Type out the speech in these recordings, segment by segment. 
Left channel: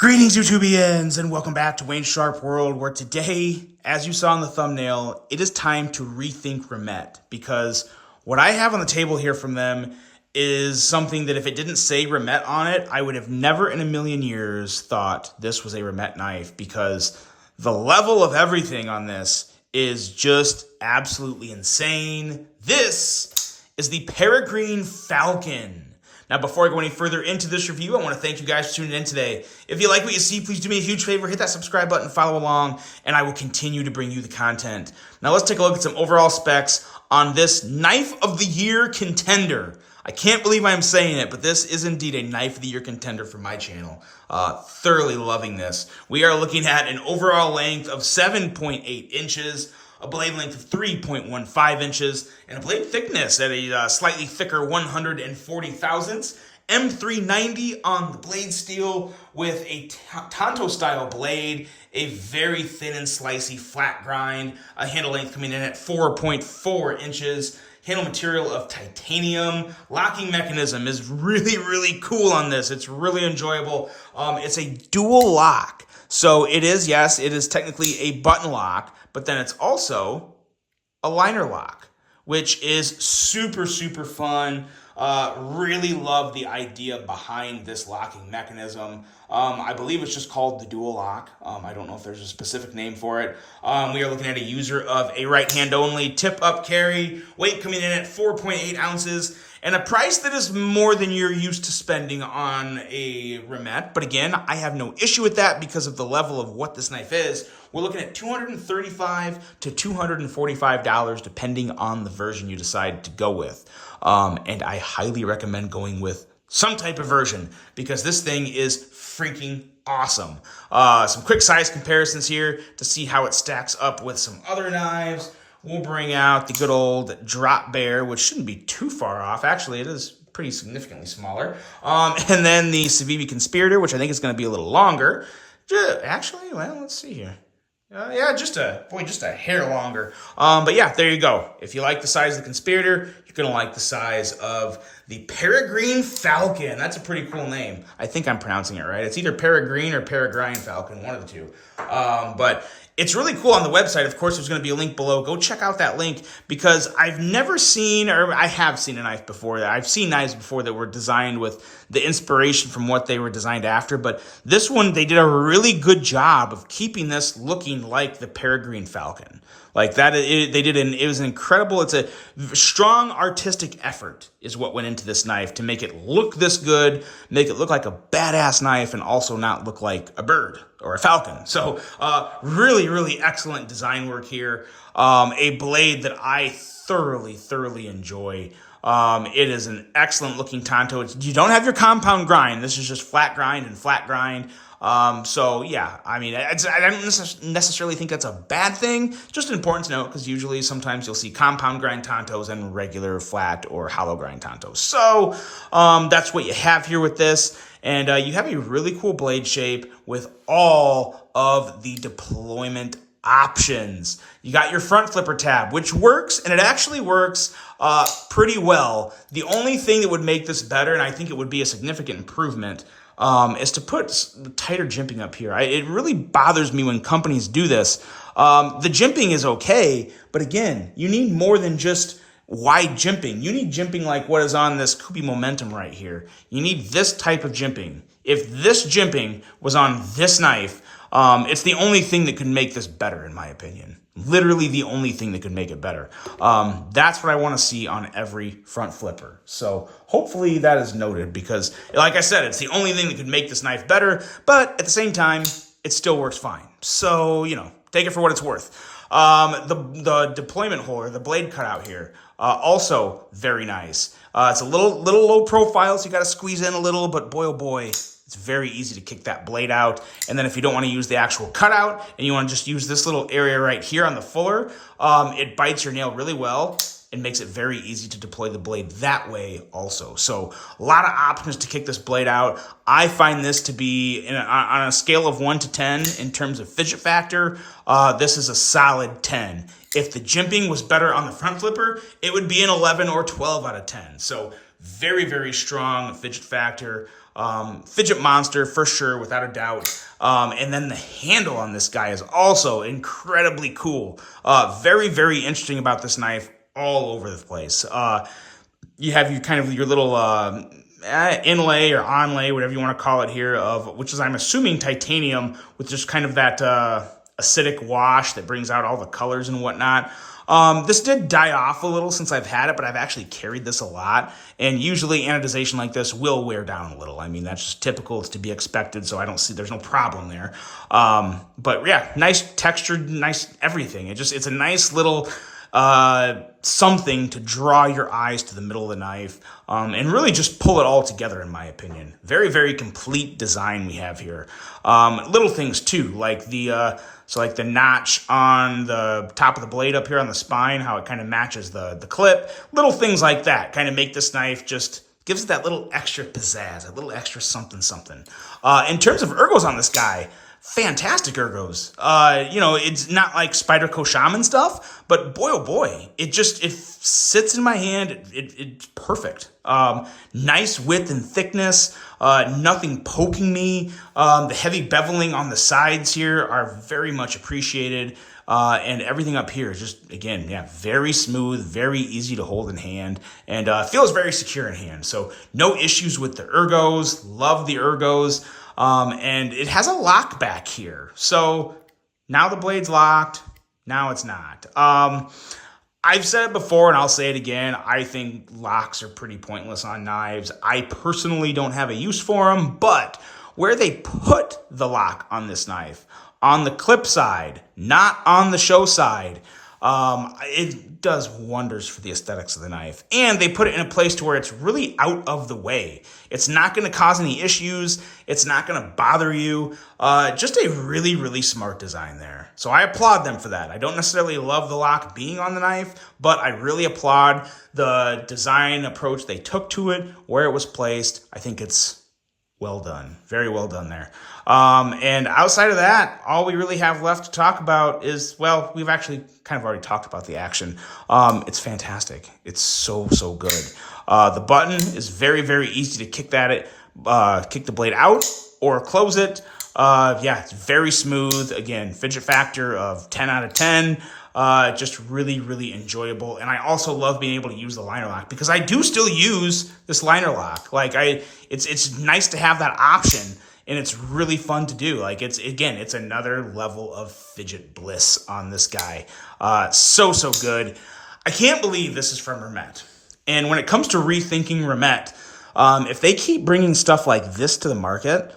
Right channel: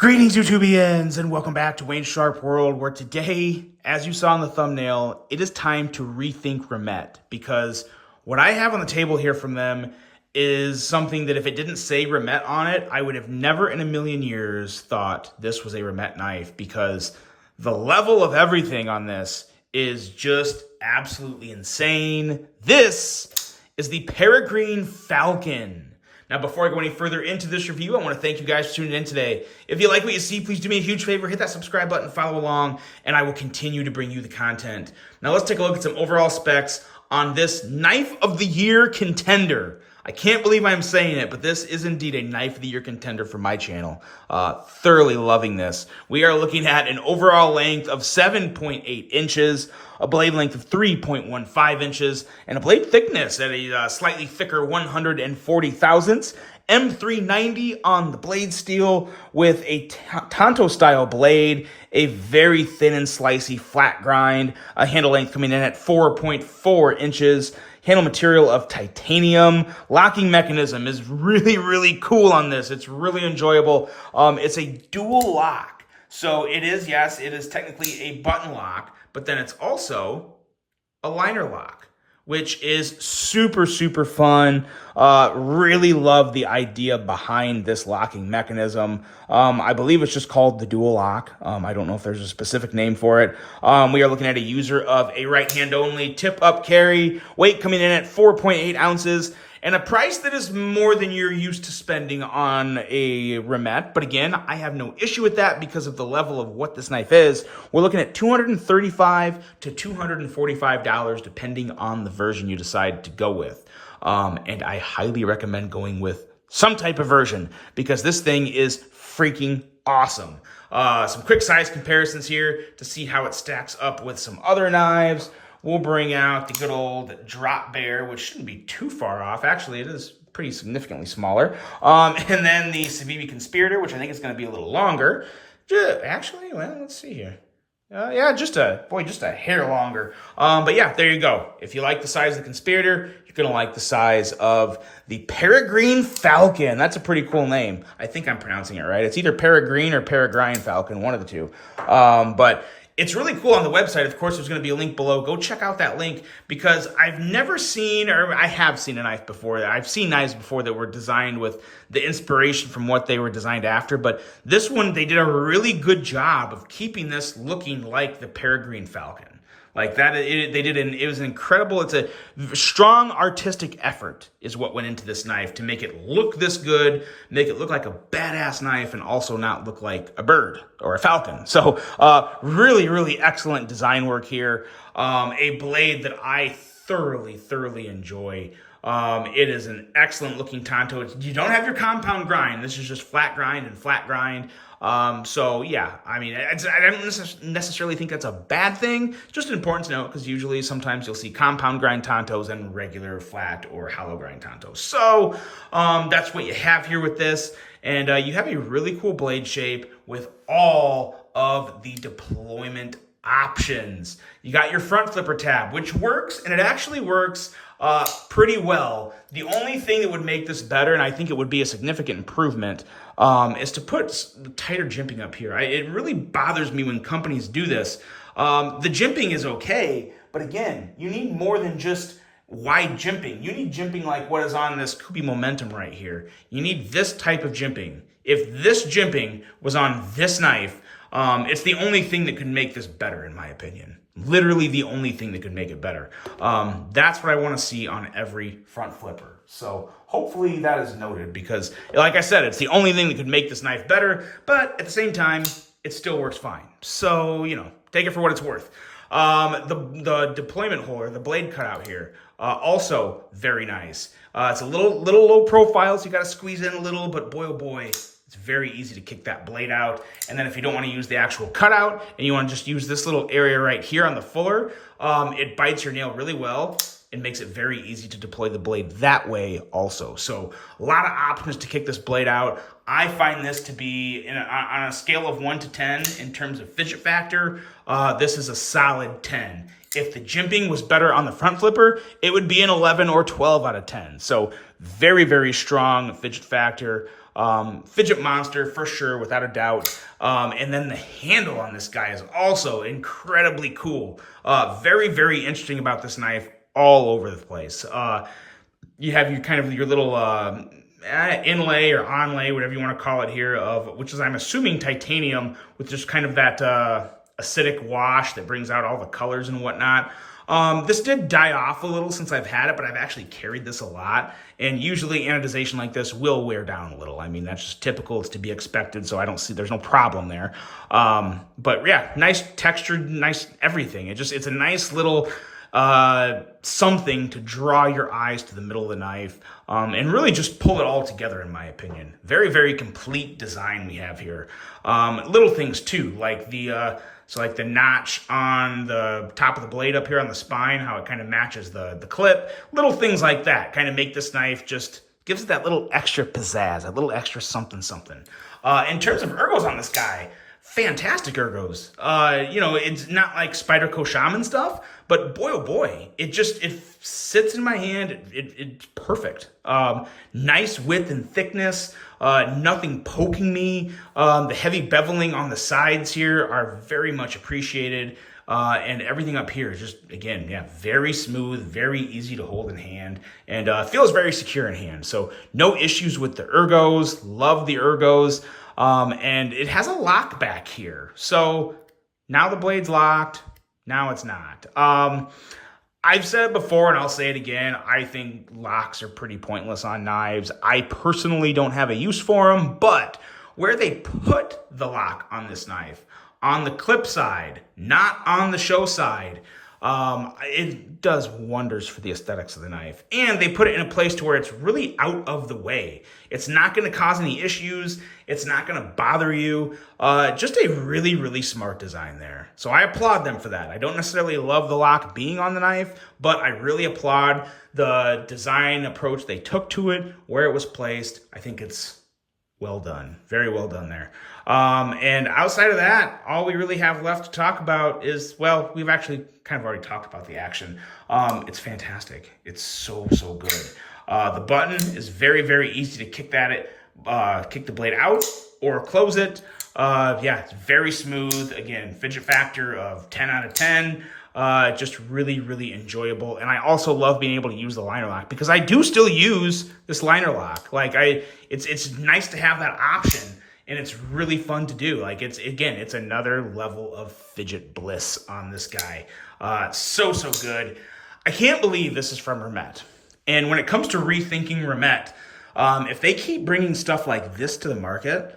Greetings, YouTubians, and welcome back to Wayne Sharp World, where today, as you saw in the thumbnail, it is time to rethink Remet, because what I have on the table here from them is something that if it didn't say Remet on it, I would have never in a million years thought this was a Remet knife, because the level of everything on this is just absolutely insane. This is the Peregrine Falcon. Now, before I go any further into this review, I want to thank you guys for tuning in today. If you like what you see, please do me a huge favor, hit that subscribe button, follow along, and I will continue to bring you the content. Now, let's take a look at some overall specs on this Knife of the Year contender. I can't believe I'm saying it, but this is indeed a Knife of the Year contender for my channel. Thoroughly loving this. We are looking at an overall length of 7.8 inches, a blade length of 3.15 inches, and a blade thickness at a slightly thicker 140 thousandths. M390 on the blade steel with a Tanto style blade, a very thin and slicey flat grind, a handle length coming in at 4.4 inches, handle material of titanium. Locking mechanism is really cool on this. It's really enjoyable. It's a dual lock. So it is, yes, it is technically a button lock, but then it's also a liner lock, which is super fun. Really love the idea behind this locking mechanism. I believe it's just called the dual lock. I don't know if there's a specific name for it. We are looking at a user of a right hand only tip up carry, weight coming in at 4.8 ounces, and a price that is more than you're used to spending on a Remet. But again, I have no issue with that because of the level of what this knife is. We're looking at $235 to $245 depending on the version you decide to go with. And I highly recommend going with some type of version because this thing is freaking awesome. Some quick size comparisons here to see how it stacks up with some other knives. We'll bring out the good old Drop Bear, which shouldn't be too far off. Actually, it is pretty significantly smaller. And then the Civivi Conspirator, which I think is going to be a little longer. Actually, well, let's see here. Yeah, just a hair longer. But yeah, there you go. If you like the size of the Conspirator, you're going to like the size of the Peregrine Falcon. That's a pretty cool name. I think I'm pronouncing it right. It's either Peregrine or Peregrine Falcon, one of the two. But it's really cool on the website. Of course, there's going to be a link below. Go check out that link because I've never seen, or I have seen a knife before. I've seen knives before that were designed with the inspiration from what they were designed after. But this one, they did a really good job of keeping this looking like the Peregrine Falcon. Like that, it was an incredible, it's a strong artistic effort is what went into this knife to make it look this good, make it look like a badass knife and also not look like a bird or a falcon. So really excellent design work here. A blade that I thoroughly enjoy. It is an excellent looking Tanto. You don't have your compound grind. This is just flat grind and flat grind. So yeah, I mean, I don't necessarily think that's a bad thing. Just important to note because usually sometimes you'll see compound grind Tantos and regular flat or hollow grind Tantos. So that's what you have here with this. And you have a really cool blade shape with all of the deployment options. You got your front flipper tab, which works, and it actually works pretty well. The only thing that would make this better, and I think it would be a significant improvement, is to put tighter jimping up here. It really bothers me when companies do this. The jimping is okay, but again, you need more than just wide jimping. You need jimping like what is on this Kubi Momentum right here. You need this type of jimping. If this jimping was on this knife, it's the only thing that could make this better, in my opinion. Literally the only thing that could make it better. That's what I want to see on every front flipper. So hopefully that is noted because, like I said, it's the only thing that could make this knife better, but at the same time, it still works fine. So, you know, take it for what it's worth. The deployment hole, or the blade cutout here, also very nice. It's a little low profile, so you got to squeeze in a little, but boy, oh boy, it's very easy to kick that blade out. And then if you don't want to use the actual cutout and you want to just use this little area right here on the fuller, it bites your nail really well. It makes it very easy to deploy the blade that way also. So a lot of options to kick this blade out. I find this to be, on a scale of 1 to 10 in terms of fidget factor, this is a solid 10. If the jimping was better on the front flipper, it would be an 11 or 12 out of 10. So very strong fidget factor. Fidget monster for sure, without a doubt. And then the handle on this guy is also incredibly cool. Very, very interesting about this knife all over the place. You have your little inlay or onlay, whatever you want to call it here, of which is, I'm assuming, titanium with just kind of that acidic wash that brings out all the colors and whatnot. This did die off a little since I've had it, but I've actually carried this a lot. And usually anodization like this will wear down a little. I mean, that's just typical. It's to be expected. So I don't see, there's no problem there. But yeah, nice textured, nice everything. It's a nice little something to draw your eyes to the middle of the knife, and really just pull it all together, in my opinion. Very, very complete design we have here. Little things too, like like the notch on the top of the blade up here on the spine, how it kind of matches the clip. Little things like that kind of make this knife just gives it that little extra pizzazz, that little extra something, something. In terms of ergos on this guy, fantastic ergos. It's not like Spyderco Shaman stuff, but boy, oh boy, it sits in my hand. It's perfect. Nice width and thickness, nothing poking me. The heavy beveling on the sides here are very much appreciated. And everything up here is just, again, yeah, very smooth, very easy to hold in hand, and feels very secure in hand. So no issues with the ergos. Love the ergos. And it has a lock back here. So now the blade's locked. Now it's not. I've said it before and I'll say it again. I think locks are pretty pointless on knives. I personally don't have a use for them, but where they put the lock on this knife, on the clip side, not on the show side, it does wonders for the aesthetics of the knife. And they put it in a place to where it's really out of the way. It's not going to cause any issues. It's not going to bother you. Just a really, really smart design there. So I applaud them for that. I don't necessarily love the lock being on the knife, but I really applaud the design approach they took to it, where it was placed. I think it's well done. Very well done there. And outside of that, all we really have left to talk about is, well, we've actually kind of already talked about the action. It's fantastic. It's so, so good. The button is very, very easy to kick the blade out or close it. Yeah, it's very smooth. Again, fidget factor of 10 out of 10. Just really, really enjoyable. And I also love being able to use the liner lock, because I do still use this liner lock. Like it's nice to have that option, and it's really fun to do. Like it's another level of fidget bliss on this guy. So, so good. I can't believe this is from Remet. And when it comes to rethinking Remet, if they keep bringing stuff like this to the market,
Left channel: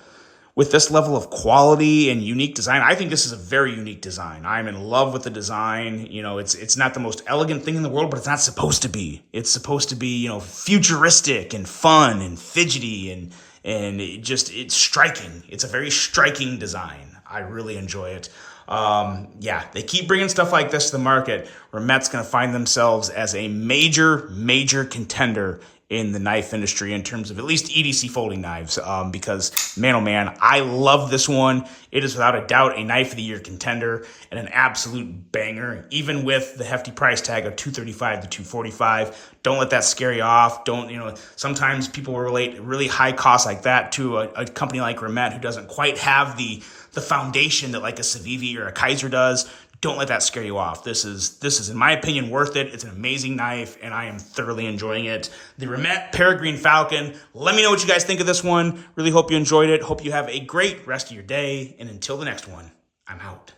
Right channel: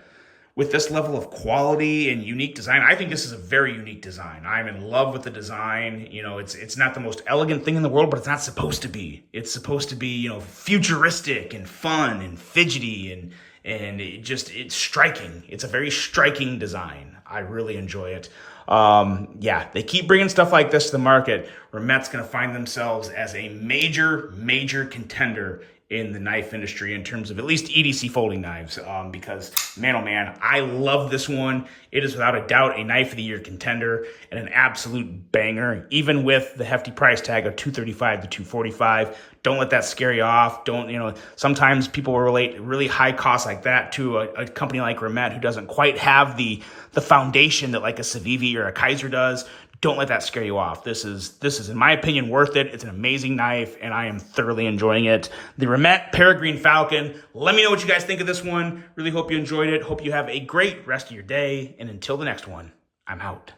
with this level of quality and unique design, I think this is a very unique design. I'm in love with the design. It's not the most elegant thing in the world, but it's not supposed to be. It's supposed to be, futuristic and fun and fidgety and it's striking. It's a very striking design. I really enjoy it. Yeah, they keep bringing stuff like this to the market. Remet's going to find themselves as a major, major contender in the knife industry in terms of at least EDC folding knives, because man, oh man, I love this one. It is without a doubt a knife of the year contender and an absolute banger, even with the hefty price tag of $235 to $245. Don't let that scare you off. Sometimes people will relate really high costs like that to a company like Remet, who doesn't quite have the foundation that like a Civivi or a Kaiser does. Don't let that scare you off. This is, in my opinion, worth it. It's an amazing knife, and I am thoroughly enjoying it. The Remet Peregrine Falcon. Let me know what you guys think of this one. Really hope you enjoyed it. Hope you have a great rest of your day. And until the next one, I'm out.